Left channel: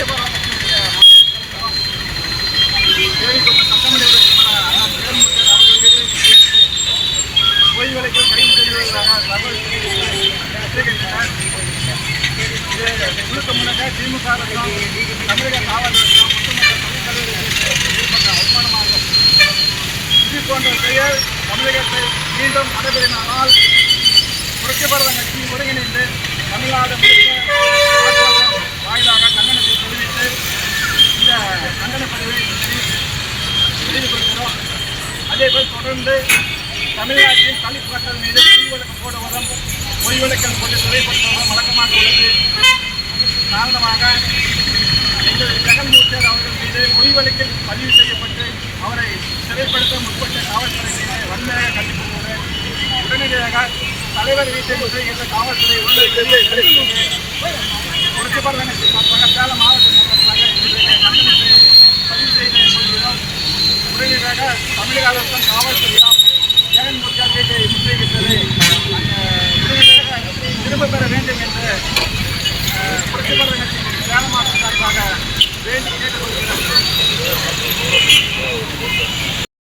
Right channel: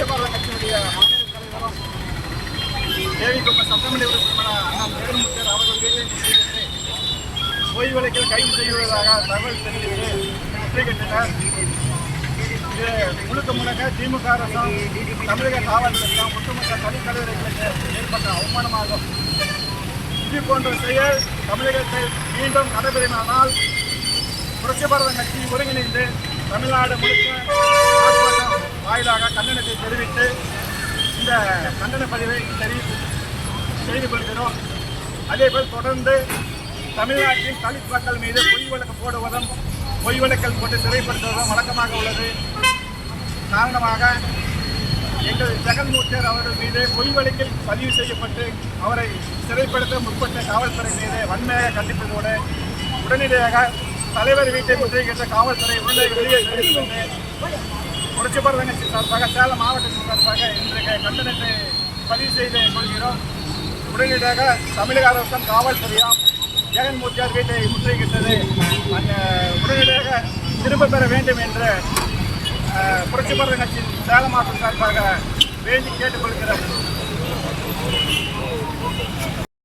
புரட்சி பாரத கட்சியுடைய மாநில தலைவரும் தேவிக்குப்ப சட்டமன்ற உறுப்பினர் அண்ணா ஜெகன்மோகன் அவர்கள் ஓய்வு விலைக்கு கைது செய்வதாக தகவல் தெரிவித்து இது முழுக்க முழுக்க திமுக அரசும் தமிழக காவல்துறையும் ஒட்டுமொத்த தனித்தலைவர்களுக்கு ஏற்பட்ட அவமானமாகும் இது போன்ற செயல் தமிழகத்தை மீண்டும் நடைபெறினால் புரட்சி பாரத கட்சி ஒருங்கிணைந்து தமிழ்நாடு கண்டன பதிவை தெரிவித்து செய்து கொள்கிறோம் அதேபோல் தொடர்ந்து தமிழ்நாட்டின் தலித் மக்கள் மீது பொய் வழக்கு போடுவதும் பொய் வழக்கல் கொண்டு சிறைப்படுத்துவதும் வழக்கமாக உள்ளது. காரணமாக எங்கள் ஜெகன்மூர்த்தியர் அவர்கள் மீது பொய் வழக்கில் பதிவு செய்யப்பட்டு அவரை சிறைப்படுத்த முற்பட்ட காவல்துறை மீது வன்மையாக கண்டிப்பதோடு உடனடியாக தலைவர் வீட்டை முற்றுகின்ற காவல்துறை உள்ளே புரட்சி பரதனை சார்பாக உடனடியாக தமிழக அரசும் காவல்துறையும் ஜெகன்மூர்த்தியார் வீட்டை முற்றுகின்றது அந்த உடனடியாக திரும்ப பெற வேண்டும் என்று அஹ், புரட்சி பரத சார்பாக வேண்டி கேட்டுக்கொள்கிறோம்